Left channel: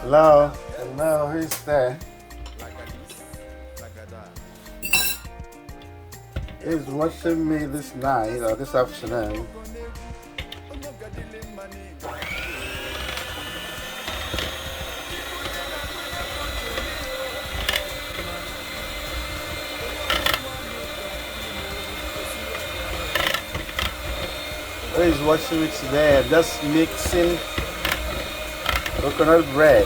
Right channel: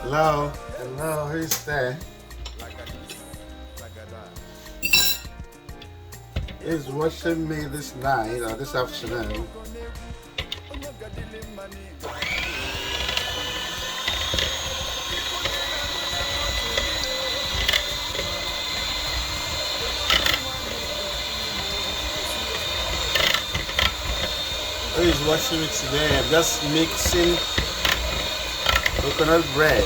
Hello, hello, who's there? Who's watching me this night or this afternoon? Who is watching me today? I'm just mixing coconut bread.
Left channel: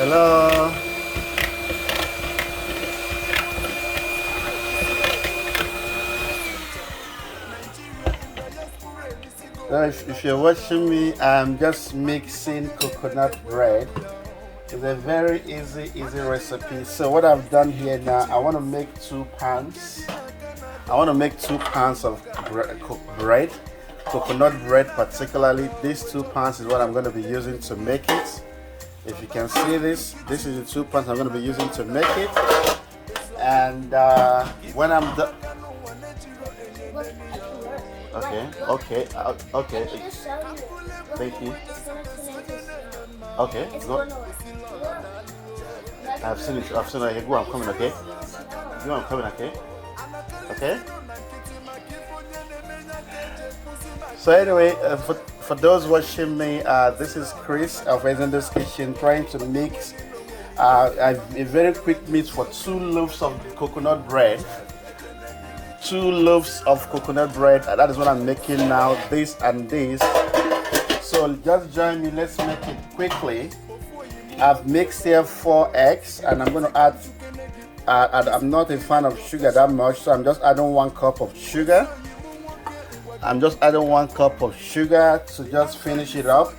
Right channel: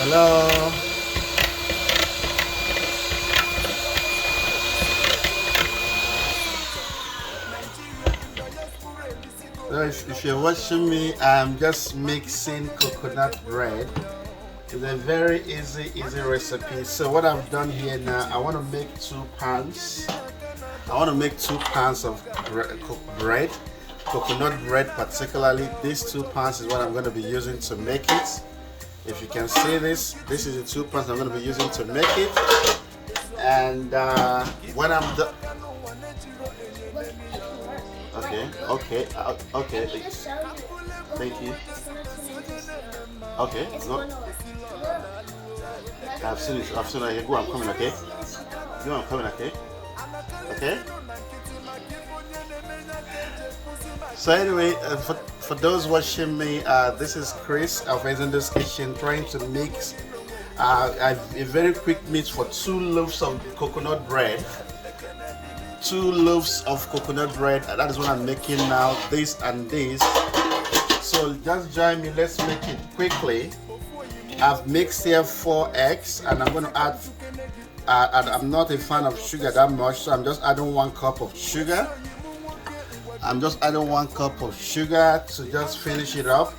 Hello. If you're watching me, I'm just mixing coconut bread. It's a very easy recipe. So what I've done here now, I want to make 2 pounds. I want to make 2 pounds of bread, coconut bread particularly. These 2 pounds is what I'm going to be using to make it. If you can see this is the 2 pounds I'm going to be using to make it. And when I'm done, okay. Thank you. Okay, go. I've seen it. Go on, come, okay? Go on, come, okay? Okay? So anyway, for those watching me, this is Chris of Ezendo's Kitchen trying to mix a very quick mix for 2 loaves of coconut bread. 2 loaves of coconut bread. That is what I'm making now. This and this. So just join me. Let's make it quickly. I've mixed here 4 eggs, and I'm going to add. I'm not a fan of sugar that much, so I'm just adding 1 cup of sugar. I'm just adding 1 cup of sugar to just finish it up.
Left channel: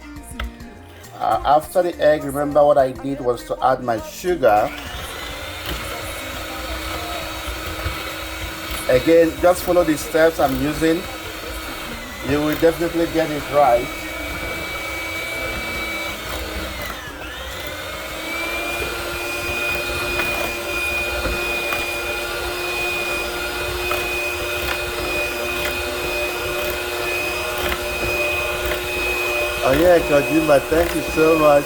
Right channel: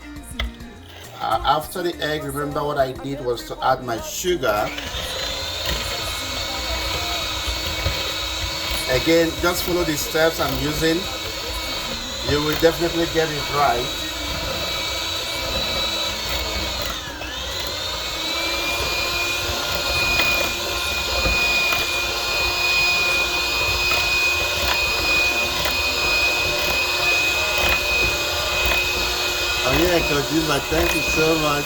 After the egg, remember what I did was to add my sugar. Again, just follow the steps I'm using. You will definitely get it right. Oh yeah, Kojima, thank you so much.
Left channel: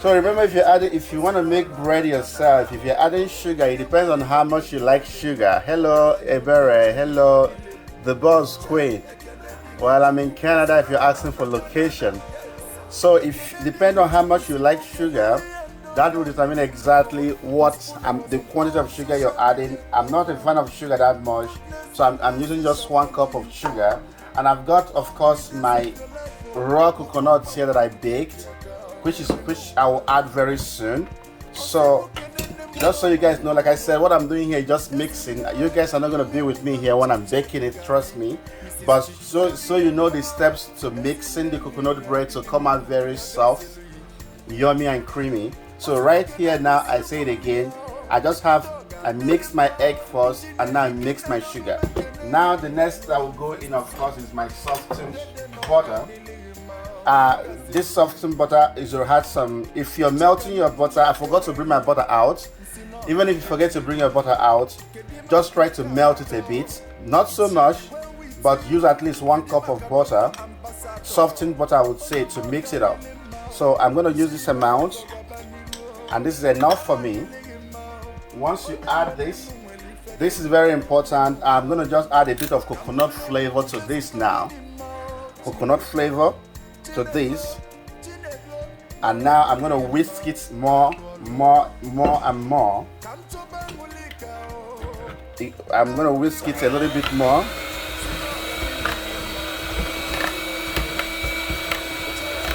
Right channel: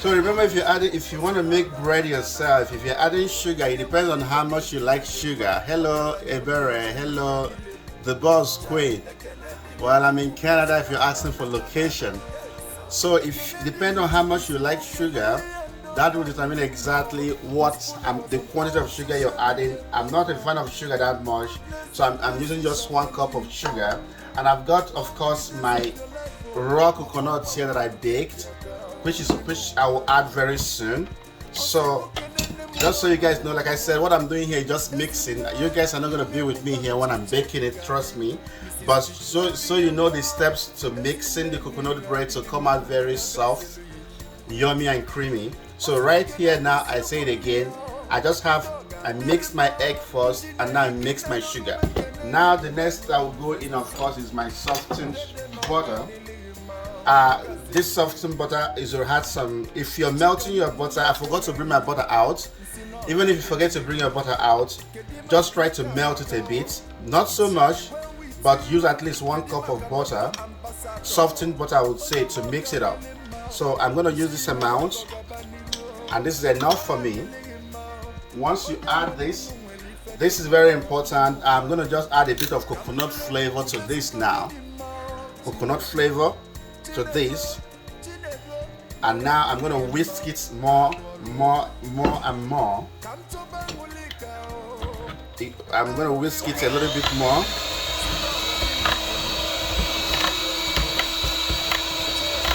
So remember, if you want to make bread yourself, if you're adding sugar, it depends on how much you like sugar. Hello, Ebere. Hello, the boss queen. Well, I'm in Canada if you're asking for location. So if depend on how much you like sugar, that will determine exactly what the quantity of sugar you're adding. I'm not a fan of sugar that much, so I'm using just 1 cup of sugar. And I've got, of course, my raw coconuts here that I baked, which I will add very soon. So just so you guys know, like I said, what I'm doing here is just mixing. You guys are not going to be with me here when I'm baking it, trust me. But so you know the steps to mixing the coconut bread to come out very soft, yummy and creamy. So right here now, I say it again, I mixed my egg first, and now I mixed my sugar. Now the next that will go in, of course, is my softened butter. This softened butter is to add some. If you're melting your butter, I forgot to bring my butter out. Even if you forget to bring your butter out, just try to melt it a bit, not so much, but use at least 1 cup of butter, softened butter I would say, to mix it up. So I'm going to use this amount, and this is enough for me. Once you add this is very important. I'm going to just add a bit of coconut flavor to this now. Coconut flavor to this, and now I'm going to whisk it more and more. I'm gonna whisk it a little bit more.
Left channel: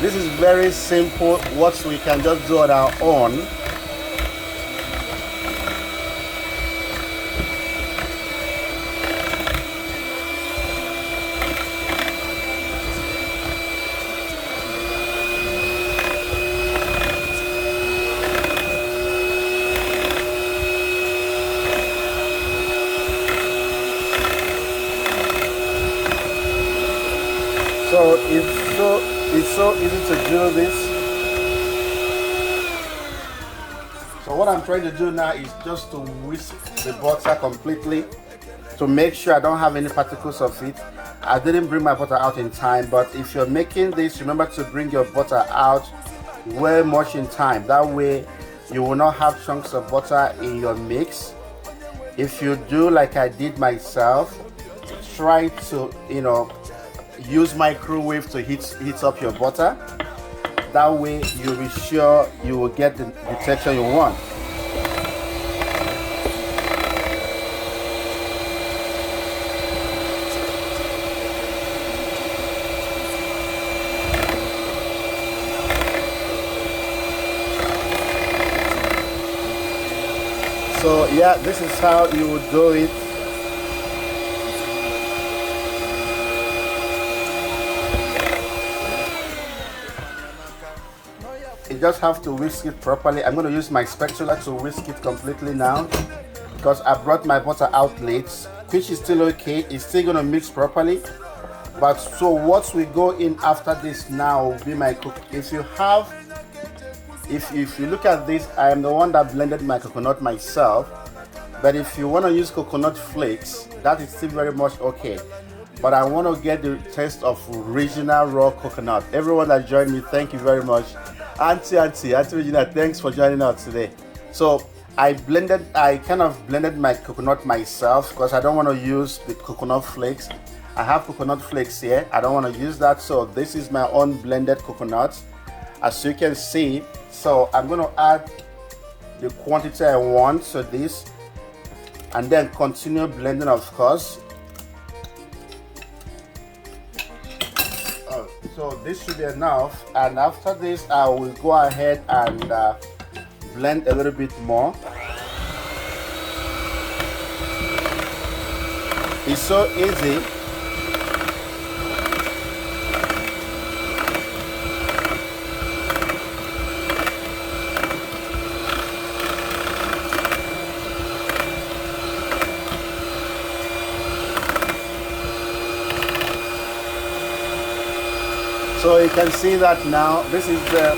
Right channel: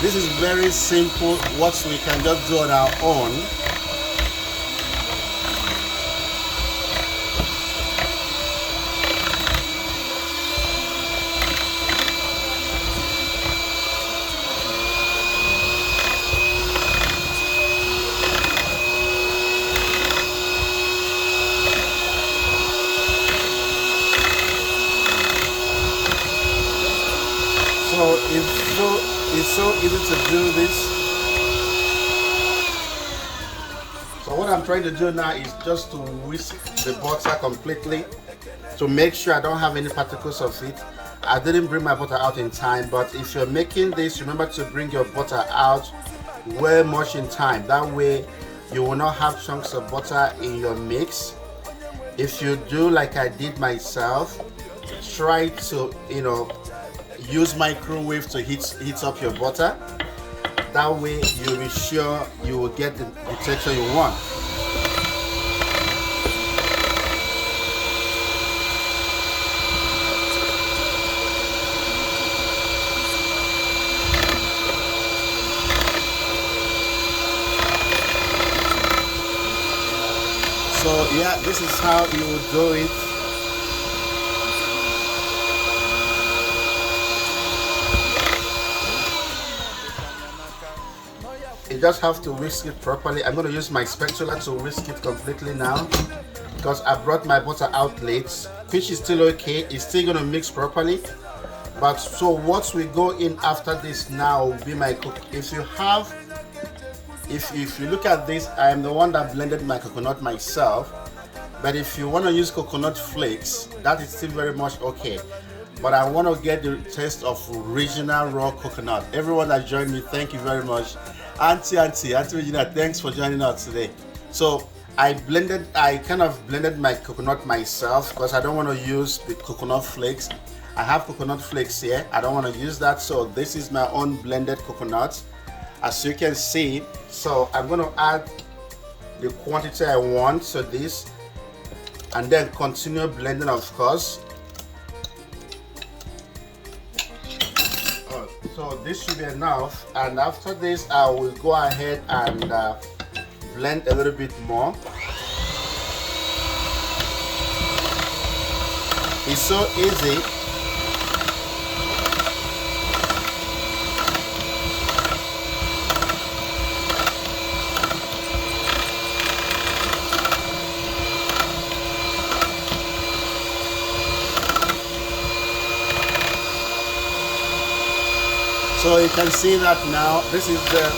This is very simple, what we can just do on our own. So it's so easy to do this. So what I'm trying to do now is just to whisk the butter completely to make sure I don't have any particles of it. I didn't bring my butter out in time, but if you're making this, remember to bring your butter out way much in time. That way you will not have chunks of butter in your mix. If you do like I did myself, try to, use microwave to heat up your butter. That way you'll be sure you will get the texture you want. So yeah, this is how you would do it. You just have to whisk it properly. I'm going to use my spatula to whisk it completely now because I brought my butter out late, which is still okay. It's still going to mix properly. But so what we go in after this now will be my cook. If you look at this, I am the one that blended my coconut myself. But if you want to use coconut flakes, that is still very much okay. But I want to get the taste of original raw coconut. Everyone that joined me, thank you very much. Auntie Regina, thanks for joining us today. So I kind of blended my coconut myself because I don't want to use the coconut flakes. I have coconut flakes here. I don't want to use that. So this is my own blended coconut, as you can see. So I'm going to add the quantity I want to this and then continue blending, of course. So this should be enough, and after this I will go ahead and blend a little bit more. It's so easy. So you can see that now, this is the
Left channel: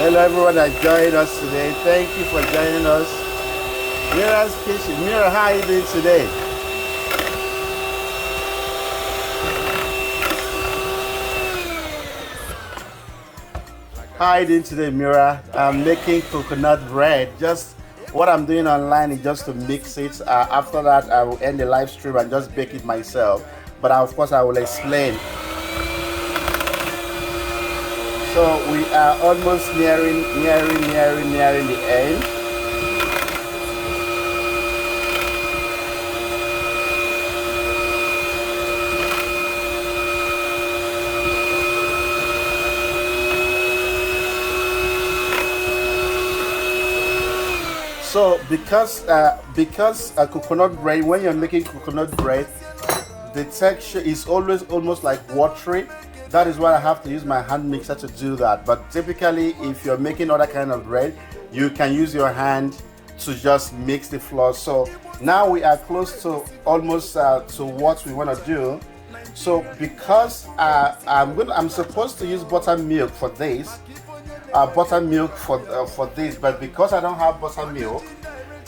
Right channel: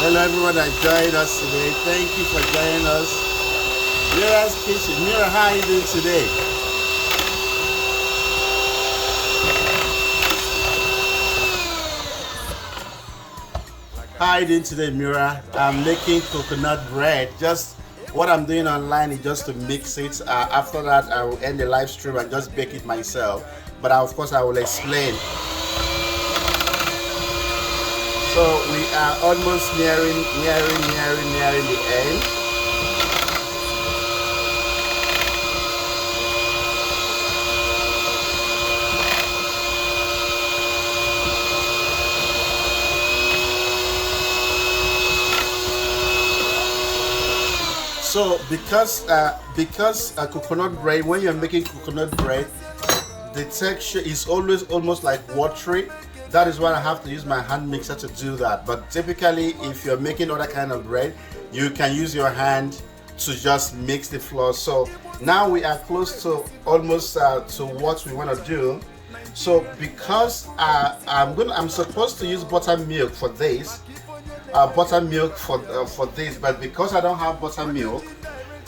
hello everyone that joined us today. Thank you for joining us. Mira's Kitchen. Mira, how are you doing today? How are you doing today, Mira? I'm making coconut bread. Just what I'm doing online is just to mix it. After that, I will end the live stream and just bake it myself. But of course, I will explain. So we are almost nearing the end. So because coconut bread, when you're making coconut bread, the texture is always almost like watery. That is why I have to use my hand mixer to do that. But typically, if you're making other kind of bread, you can use your hand to just mix the flour. So now we are close to almost to what we want to do. So because I'm supposed to use buttermilk for this. Buttermilk for this, but because I don't have buttermilk,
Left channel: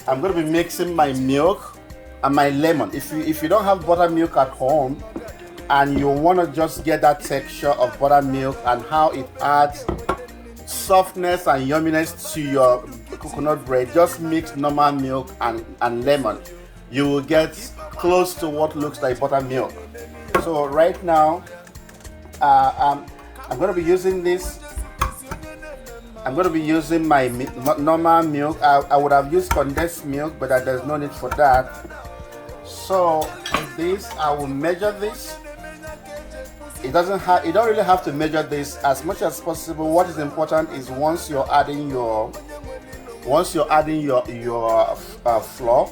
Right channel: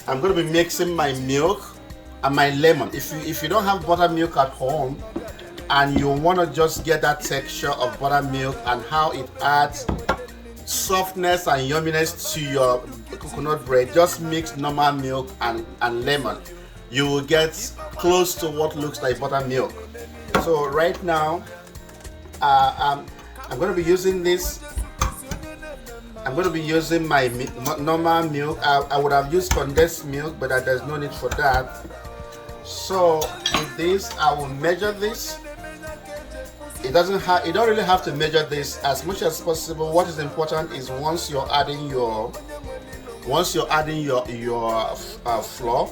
I'm going to be mixing my milk and my lemon. If you don't have buttermilk at home and you want to just get that texture of buttermilk and how it adds softness and yumminess to your coconut bread, just mix normal milk and lemon. You will get close to what looks like buttermilk. So right now, I'm going to be using this. I'm going to be using my normal milk. I would have used condensed milk, but there's no need for that. So with this, I will measure this. You don't really have to measure this as much as possible. What is important is once you're adding your flour,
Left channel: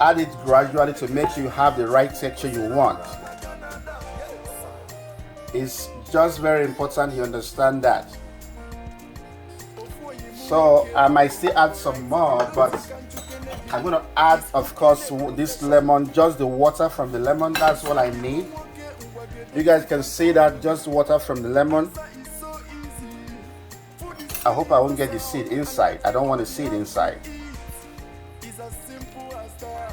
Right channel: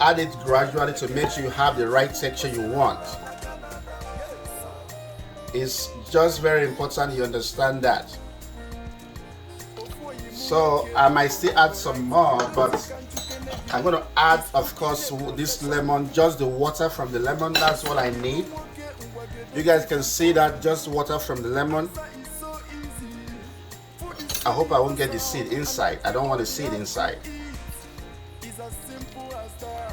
add it gradually to make sure you have the right texture you want. It's just very important you understand that. So I might still add some more, but I'm going to add, of course, this lemon, just the water from the lemon. That's all I need. You guys can see that, just water from the lemon. I hope I won't get the seed inside. I don't want the seed inside.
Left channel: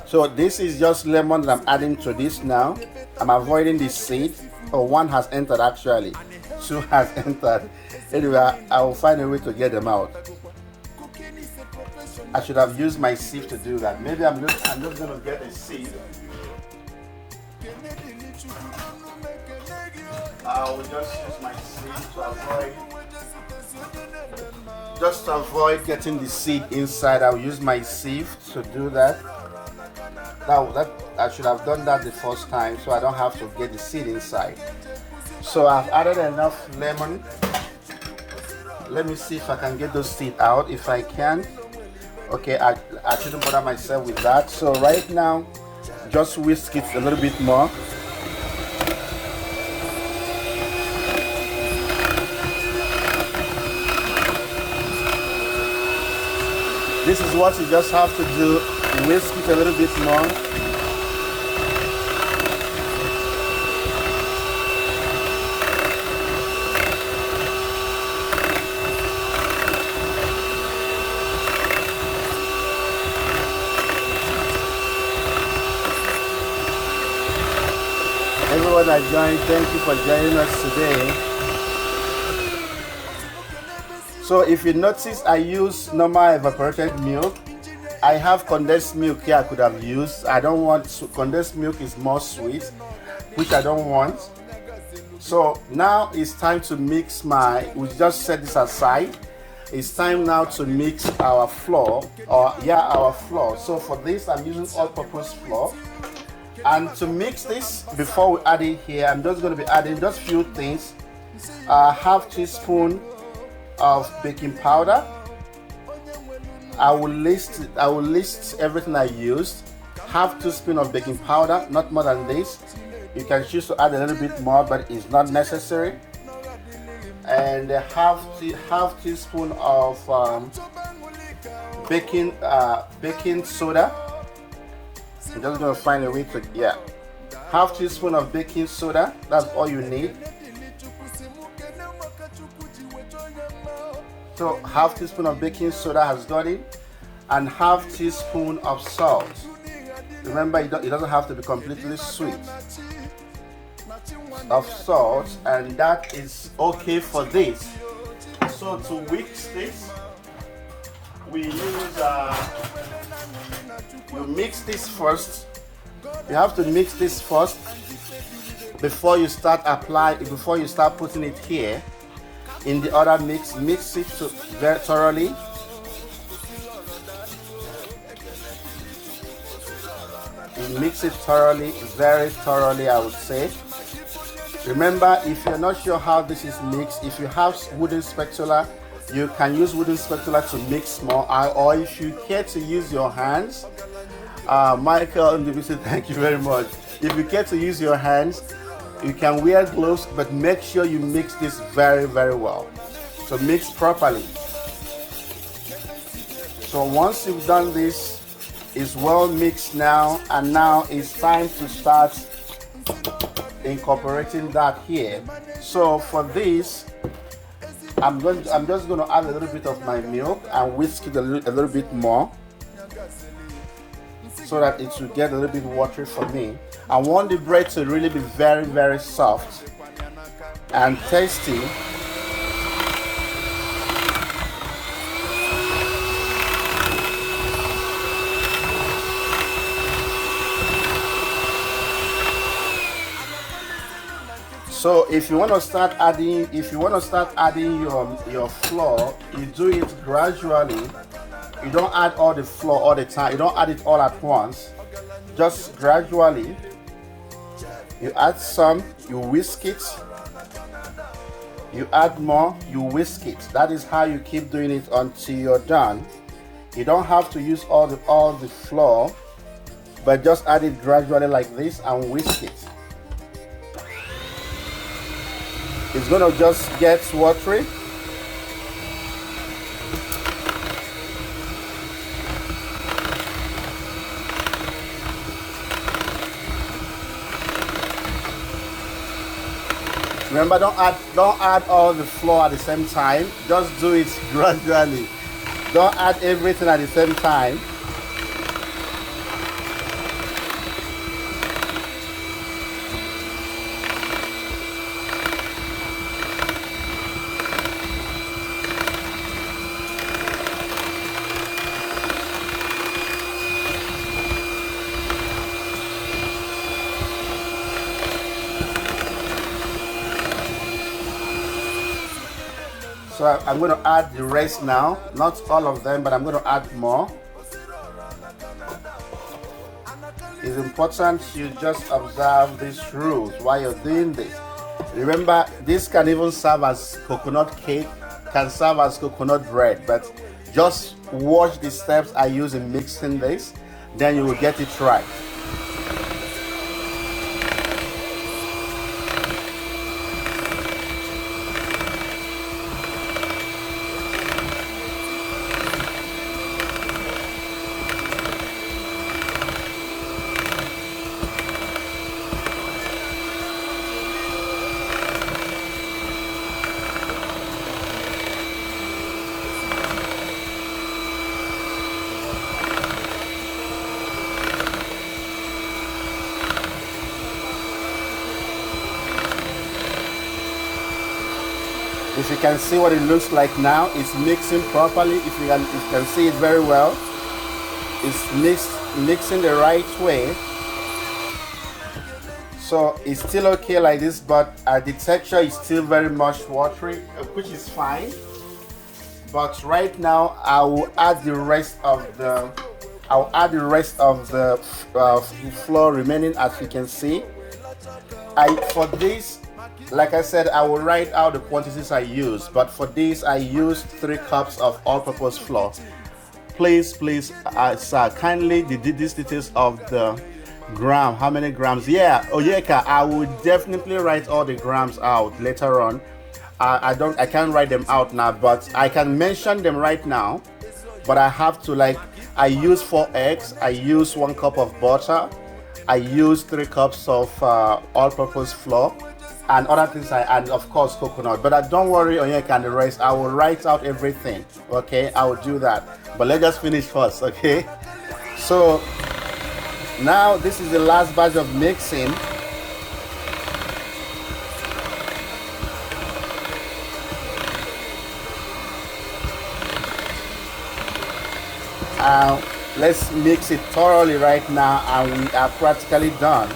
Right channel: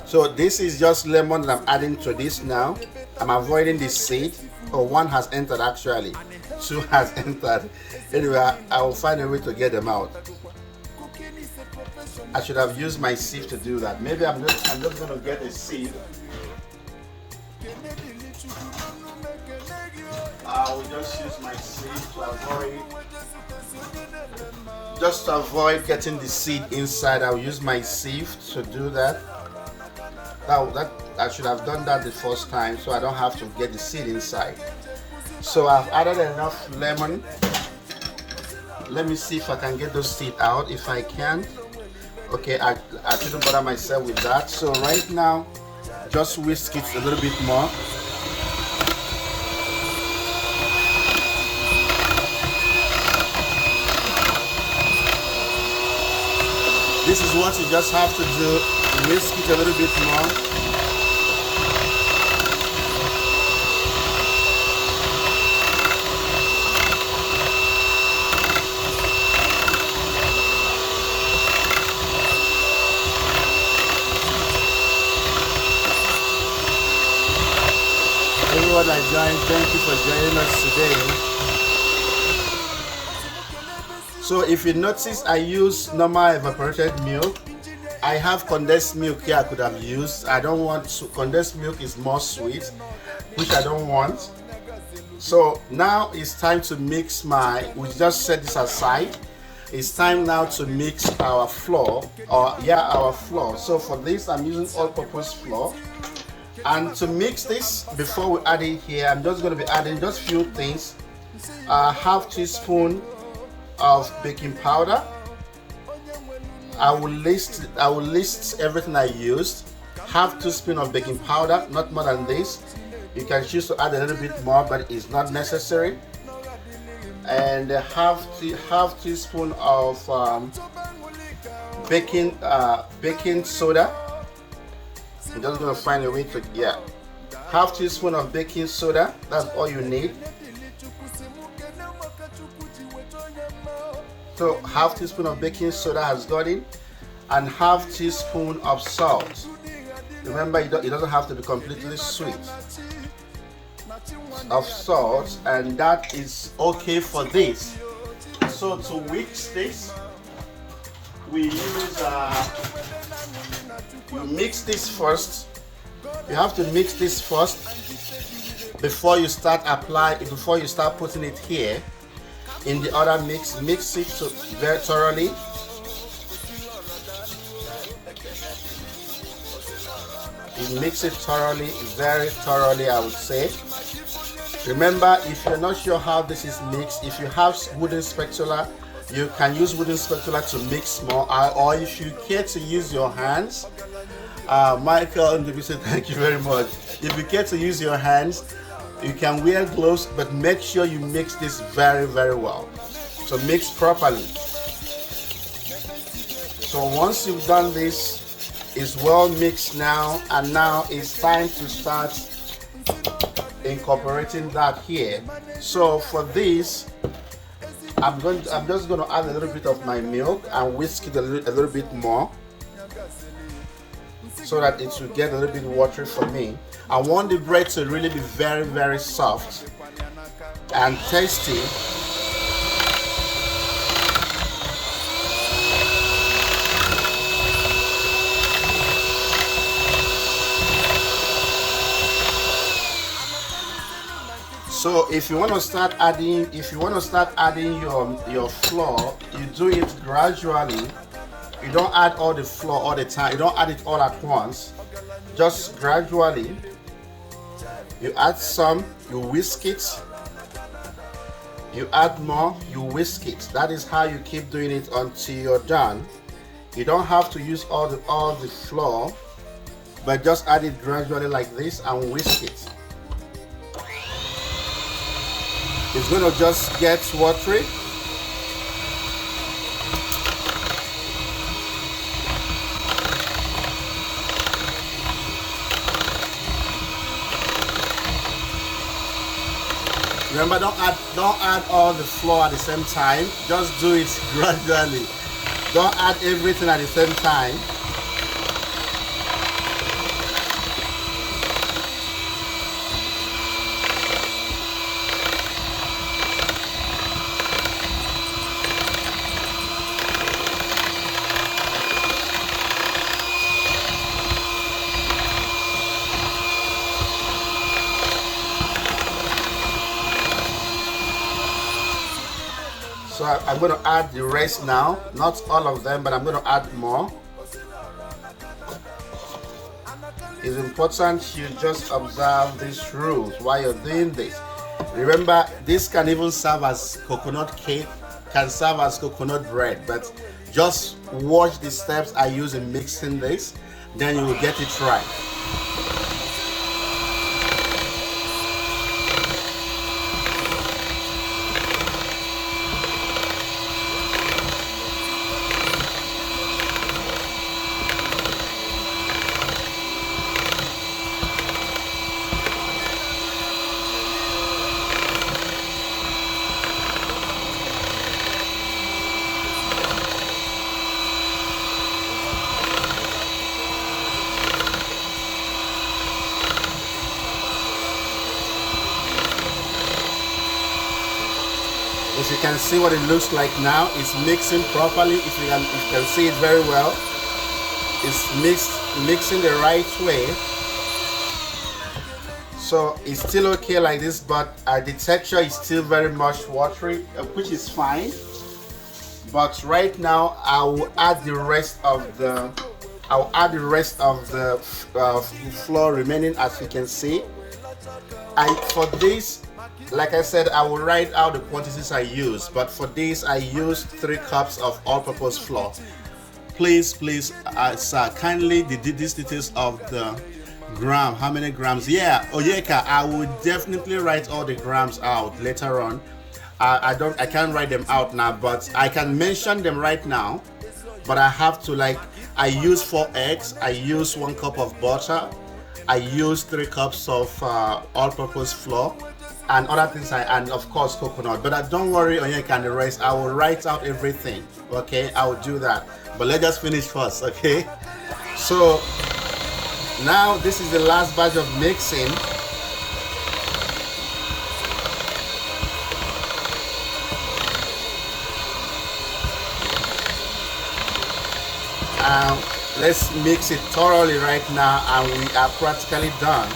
So this is just lemon that I'm adding to this now. I'm avoiding the seed. Oh, one has entered actually. Two has entered. Anyway, I will find a way to get them out. I should have used my sieve to do that. Maybe I'm just going to get a sieve. I will just use my sieve to avoid getting the seed inside. I will use my sieve to do that. Now that I should have done that the first time, so I don't have to get the seed inside. So I've added enough lemon. Let me see if I can get those seeds out. If I can, okay, I shouldn't bother myself with that. So right now, just whisk it a little bit more. This is what you just have to do. Whisk it a little bit more. Everyone that joined, thank you for joining us today. So if you notice, I use normal evaporated milk. I have condensed milk here I could have used. I don't want to, condensed milk is more sweet, which I don't want. So now it's time to mix we just set this aside. It's time now to mix our flour, our flour. So for this, I'm using all-purpose flour. And to mix this, before we add it here, I'm just going to be adding just few things. Half teaspoon of baking powder. I will list everything I used. Half teaspoon of baking powder, not more than this. You can choose to add a little bit more, but it's not necessary. And half teaspoon of baking soda. I'm just gonna find a way to half teaspoon of baking soda. That's all you need. So half teaspoon of baking soda has got it, and half teaspoon of salt. Remember, it doesn't have to be completely sweet. Of salt, and that is okay for this. So to mix this, we use you mix this first. You have to mix this first before you start putting it here. In the other mix it very thoroughly. You mix it thoroughly, very thoroughly, I would say. Remember, if you're not sure how this is mixed, if you have wooden spatula, you can use wooden spatula to mix more, or if you care to use your hands, Michael and David, thank you very much. If you care to use your hands, you can wear gloves, but make sure you mix this very, very well. So mix properly. So once you've done this, it's well mixed now, and now it's time to start incorporating that here. So for this, I'm just going to add a little bit of my milk and whisk it a little bit more, so that it will get a little bit watery for me. I want the bread to really be very, very soft and tasty. So if you want to start adding, your flour, you do it gradually. You don't add all the flour all the time. You don't add it all at once. Just gradually. You add some, you whisk it. You add more, you whisk it. That is how you keep doing it until you're done. You don't have to use all the flour, but just add it gradually like this and whisk it. It's gonna just get watery. Remember, don't add all the flour at the same time. Just do it gradually. Don't add everything at the same time. So I'm going to add the rest now, not all of them, but I'm going to add more. It's important you just observe these rules while you're doing this. Remember, this can even serve as coconut cake, can serve as coconut bread, but just watch the steps I use in mixing this, then you will get it right. If you can see what it looks like now, it's mixing properly. If you can see it very well, it's mixing the right way. So it's still okay like this, but the texture is still very much watery, which is fine. But right now, I will add the rest of the flour remaining, as you can see. For this, like I said, I will write out the quantities I use, but for this I used 3 cups of all-purpose flour. Please, sir, kindly the details of the gram, how many grams. Yeah, Oyeka, I will definitely write all the grams out later on. I can't write them out now, but I can mention them right now. But I have to, I use 4 eggs, I use 1 cup of butter, I use 3 cups of all-purpose flour, and other things, and of course coconut. But don't worry, Onyeka and the rest, I will write out everything. Okay, I will do that. But let's just finish first, okay? So now this is the last batch of mixing. Let's mix it thoroughly right now, and we are practically done.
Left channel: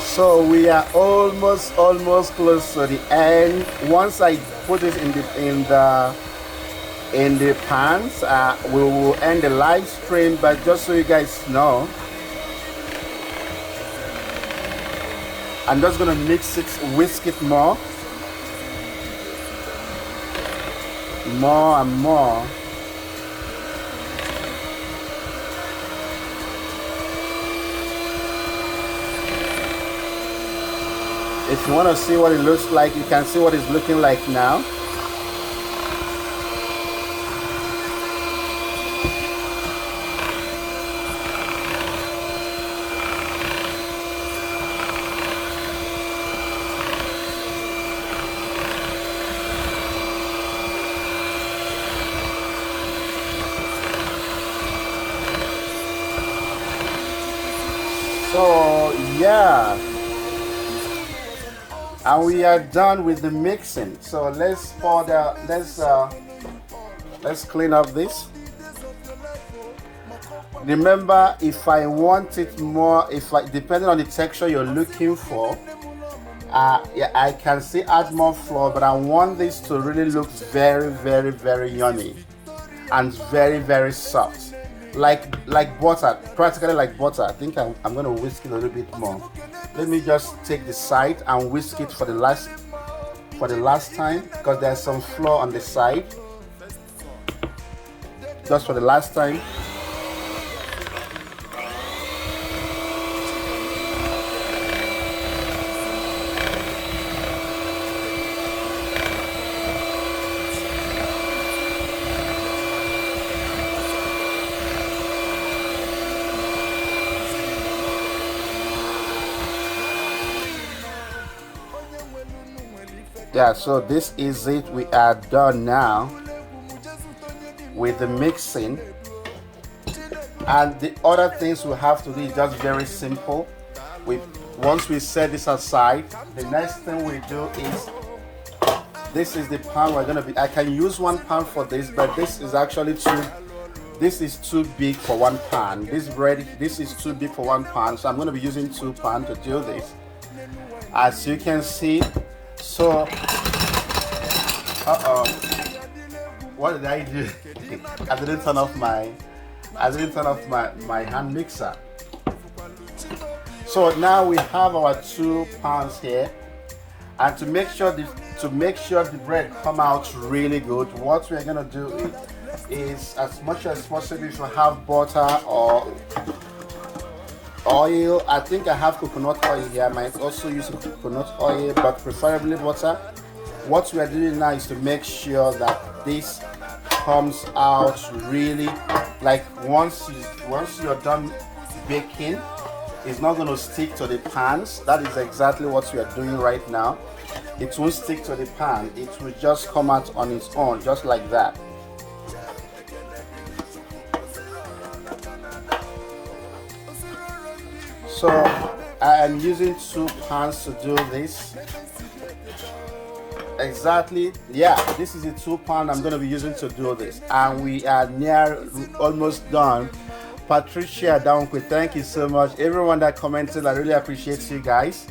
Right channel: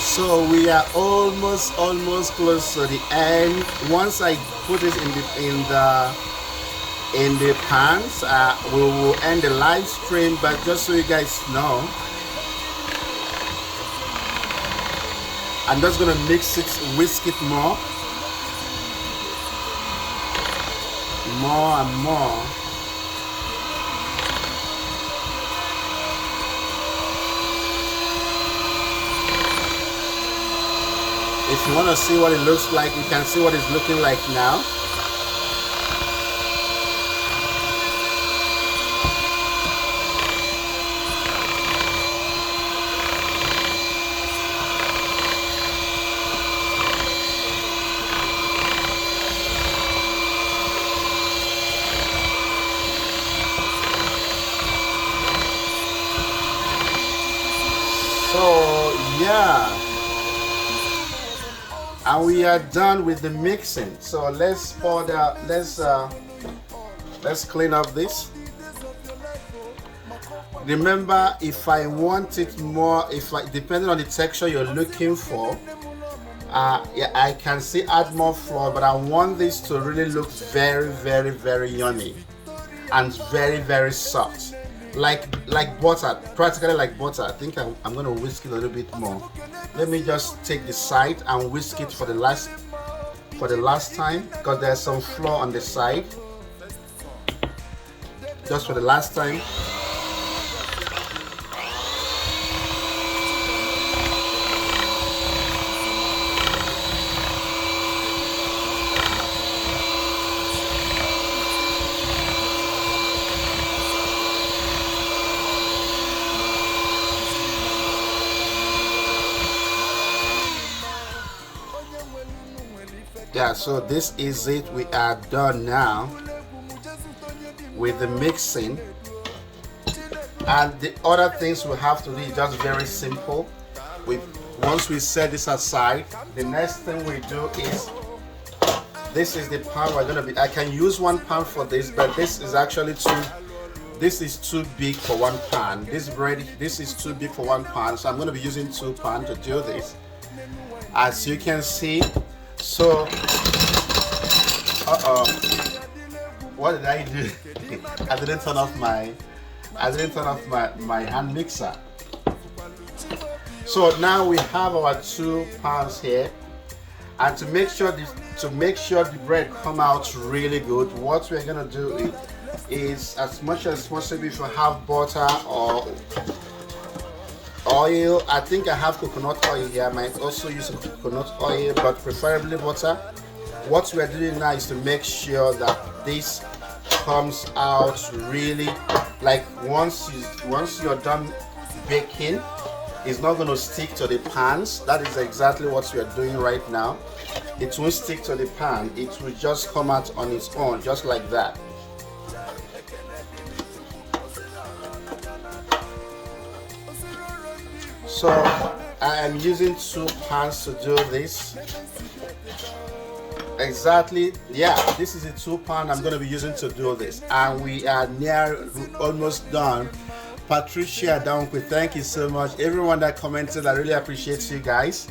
So we are almost close to the end. Once I put it in the pans, we will end the live stream. But just so you guys know, I'm just gonna mix it, whisk it more and more. If you want to see what it looks like, you can see what it's looking like now. And we are done with the mixing. So let's pour the let's clean up this. Remember, if I want it more, depending on the texture you're looking for, yeah, I can still add more flour, but I want this to really look very, very, very yummy and very, very soft, like butter, practically like butter. I think I'm gonna whisk it a little bit more. Let me just take the side and whisk it for the last time, because there's some flour on the side. Just for the last time. Yeah, so this is it. We are done now with the mixing, and the other things we have to do is just very simple. Once we set this aside, the next thing we do is, this is the pan we're gonna be. I can use 1 pan for this, but this is actually too big for 1 pan. This is too big for 1 pan, so I'm gonna be using 2 pans to do this. As you can see. So, what did I do? I didn't turn off my hand mixer. So now we have our 2 pans here, and to make sure the bread come out really good, what we're gonna do is as much as possible, if you have butter or oil, I think I have coconut oil here. I might also use some coconut oil, but preferably butter. What we are doing now is to make sure that this comes out really, like once you're done baking, it's not going to stick to the pans. That is exactly what we are doing right now. It won't stick to the pan. It will just come out on its own, just like that. So I am using 2 pans to do this. Exactly, yeah, this is a 2 pan I'm going to be using to do this, and we are almost done. Patricia Downquist, thank you so much. Everyone that commented, I really appreciate you guys.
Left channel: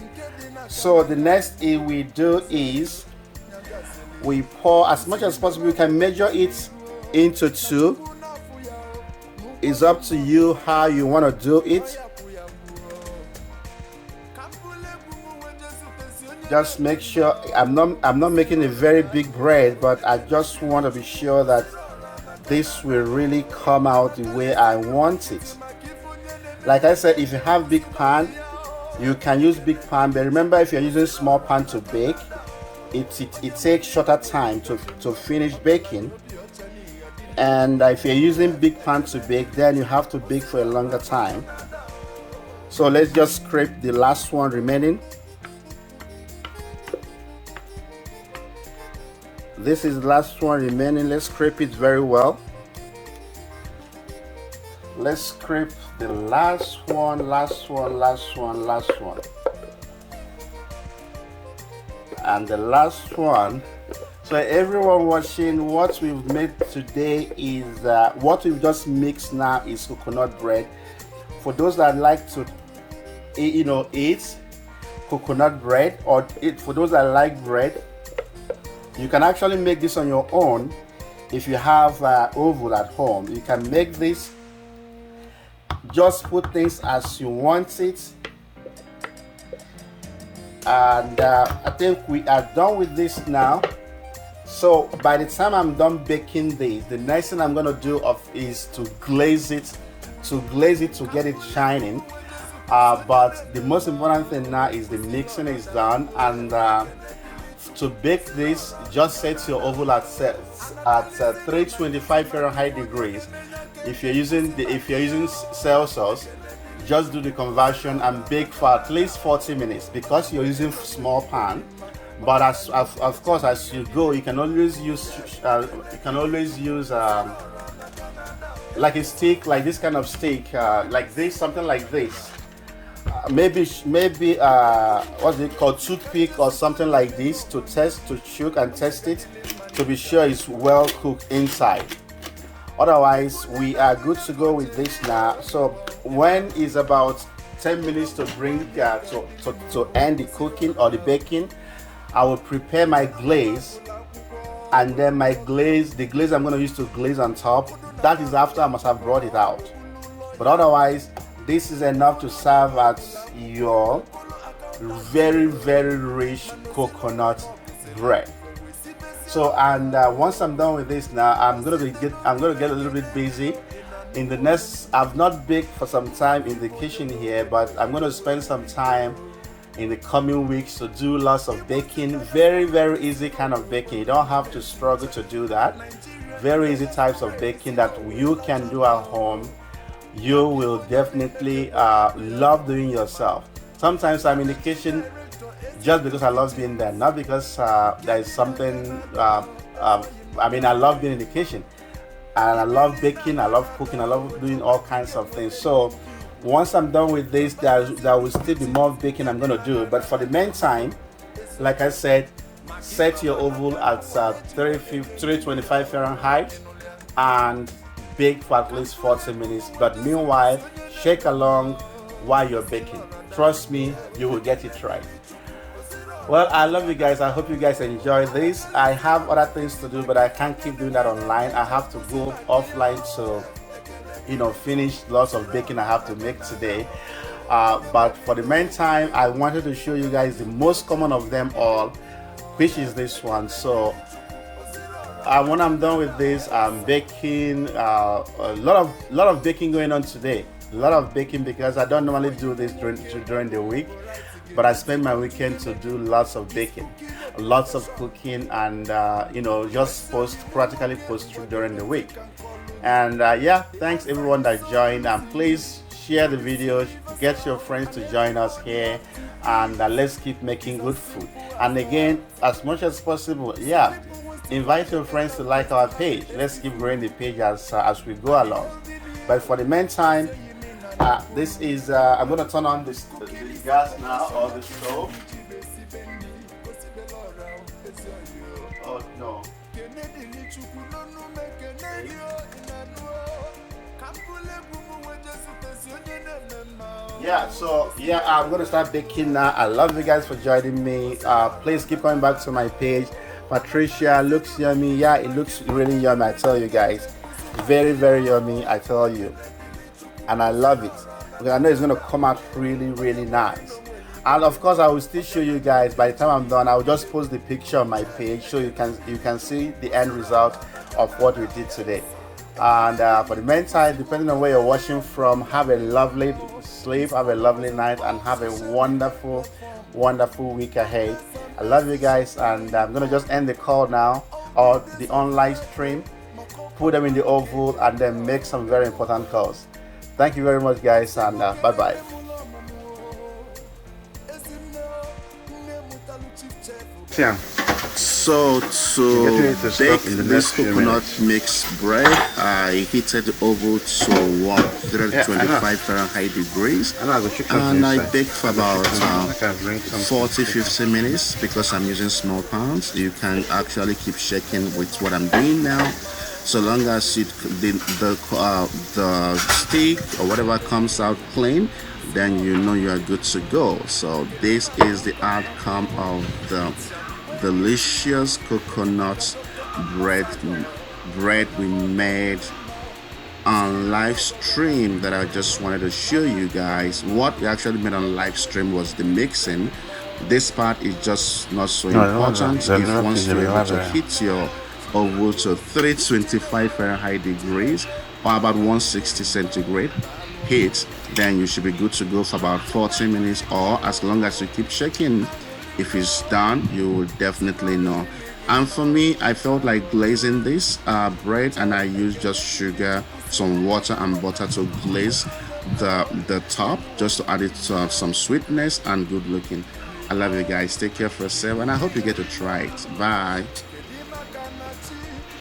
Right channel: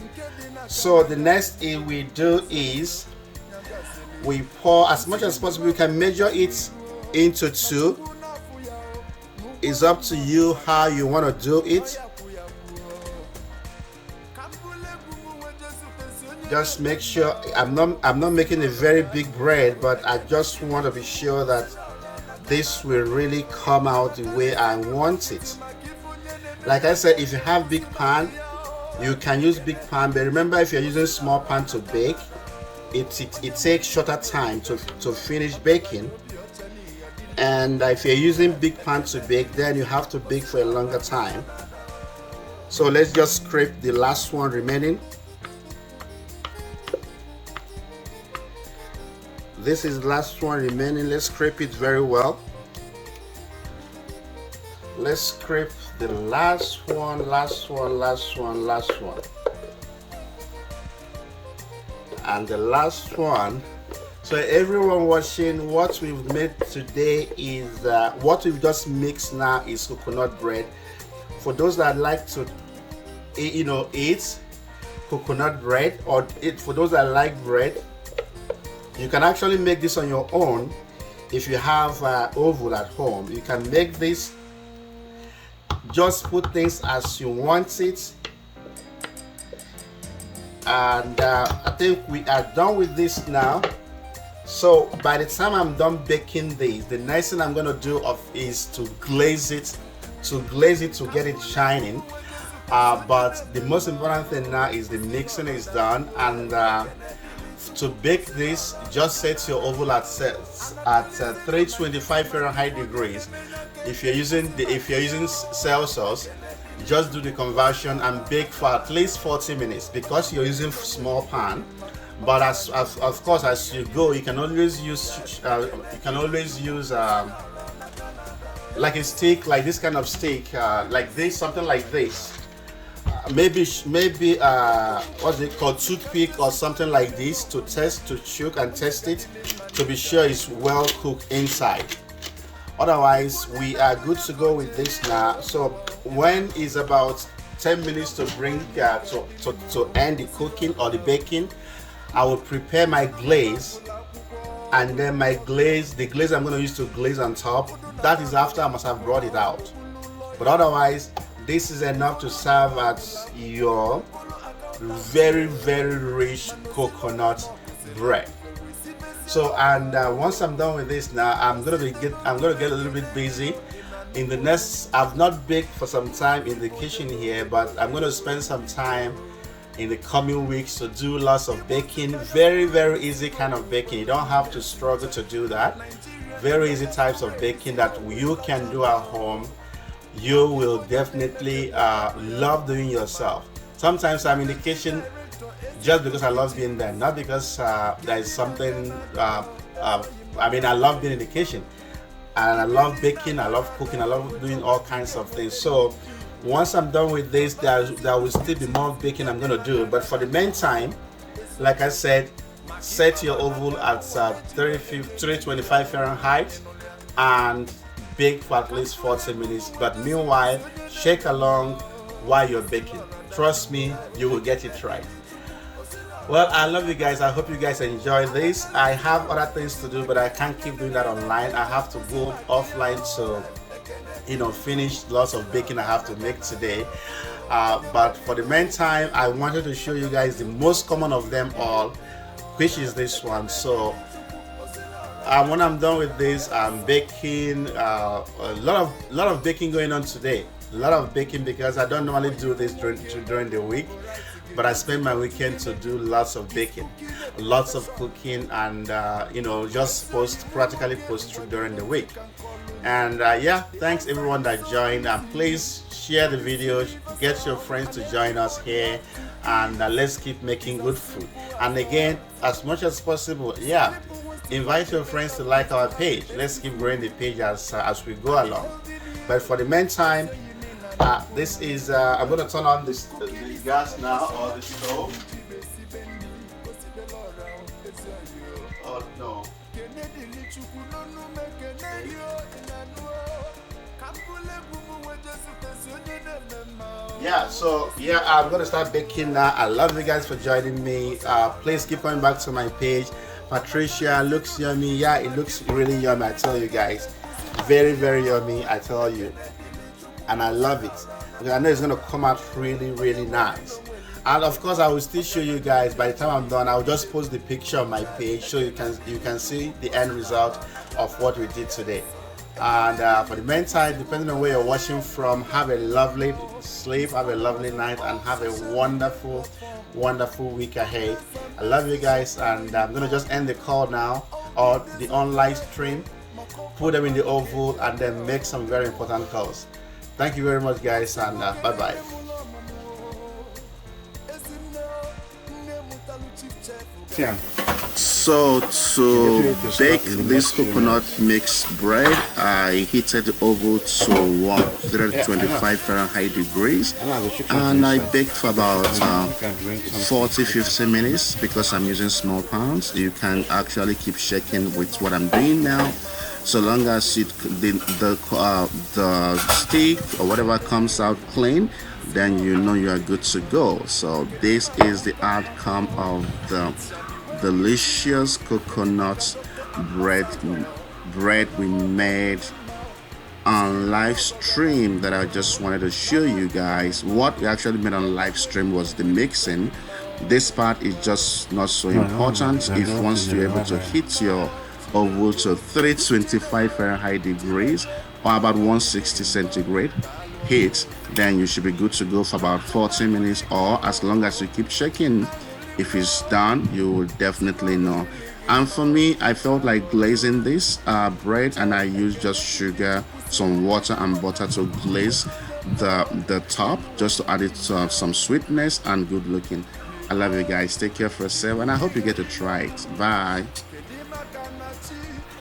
So the next thing we do is we pour as much as possible. We can measure it into 2. It's up to you how you want to do it. Just make sure, I'm not making a very big bread, but I just want to be sure that this will really come out the way I want it. Like I said, if you have big pan, you can use big pan, but remember, if you're using small pan to bake, it takes shorter time to finish baking. And if you're using big pan to bake, then you have to bake for a longer time. So let's just scrape the last one remaining. This is the last one remaining. Let's scrape it very well. Let's scrape the last one. And the last one. So everyone watching, what we've made today is, what we've just mixed now is coconut bread. For those that like to eat coconut bread, or for those that like bread, you can actually make this on your own. If you have oven at home, you can make this. Just put things as you want it. And I think we are done with this now. So by the time I'm done baking this, the next thing I'm going to do is to glaze it to get it shining. But the most important thing now is the mixing is done, and to bake this, just set your oven at 325 Fahrenheit degrees. If you're using Celsius, just do the conversion and bake for at least 40 minutes because you're using small pan. But of course, as you go, you can always use like a stick, like this kind of stick, like this, something like this. maybe what's it called, toothpick or something like this to test, to choke and test it to be sure it's well cooked inside. Otherwise, we are good to go with this now. So when it's about 10 minutes to bring to end the cooking or the baking, I will prepare my glaze, and then the glaze I'm going to use to glaze on top, that is after I must have brought it out. But otherwise, this is enough to serve as your very, very rich coconut bread. So, and once I'm done with this now, I'm gonna get a little bit busy. In the next, I've not baked for some time in the kitchen here, but I'm gonna spend some time in the coming weeks to do lots of baking. Very, very easy kind of baking. You don't have to struggle to do that. Very easy types of baking that you can do at home. You will definitely love doing yourself. Sometimes I'm in the kitchen just because I love being there, not because there is something. I mean, I love being in the kitchen, and I love baking, I love cooking, I love doing all kinds of things. So once I'm done with this, there will still be more baking I'm gonna do. But for the meantime, like I said, set your oven at 325 Fahrenheit and bake for at least 40 minutes. But meanwhile, shake along while you're baking. Trust me, you will get it right. Well, I love you guys. I hope you guys enjoy this. I have other things to do, but I can't keep doing that online. I have to go offline to, finish lots of baking I have to make today. But for the meantime, I wanted to show you guys the most common of them all, which is this one. So when I'm done with this, I'm baking a lot of baking going on today. A lot of baking because I don't normally do this during the week, but I spend my weekend to do lots of baking, lots of cooking, and just practically post through during the week. And yeah, thanks everyone that joined, and please share the video, get your friends to join us here, and let's keep making good food. And again, as much as possible, yeah, invite your friends to like our page. Let's keep growing the page as we go along. But for the meantime, this is I'm going to turn on the gas now, or the stove. Oh no. Yeah, so yeah, I'm going to start baking now. I love you guys for joining me. Please keep coming back to my page. Patricia, looks yummy. Yeah, it looks really yummy, I tell you guys. Very, very yummy, I tell you. And I love it. I know it's going to come out really, really nice. And of course, I will still show you guys. By the time I'm done, I will just post the picture on my page so you can see the end result of what we did today. And for the meantime, depending on where you're watching from, have a lovely sleep, have a lovely night, and have a wonderful, wonderful week ahead. I love you guys, and I'm going to just end the call now, or the online stream, put them in the oven, and then make some very important calls. Thank you very much, guys, and bye-bye. Yeah. So to bake this coconut mix bread, I heated the oven to 125 Fahrenheit degrees, and I baked for about 40-50 minutes because I'm using small pans. You can actually keep shaking with what I'm doing now. So long as the stick or whatever comes out clean, then you know you are good to go. So this is the outcome of the delicious coconut bread we made on live stream that I just wanted to show you guys. What we actually made on live stream was the mixing. This part is just not so important. If once you're able to hit your oven to 325 Fahrenheit degrees or about 160 centigrade heat, then you should be good to go for about 40 minutes, or as long as you keep shaking. If it's done, you will definitely know. And for me, I felt like glazing this bread, and I used just sugar, some water and butter to glaze the top, just to add it to some sweetness and good looking. I love you guys. Take care for yourself, and I hope you get to try it. Bye.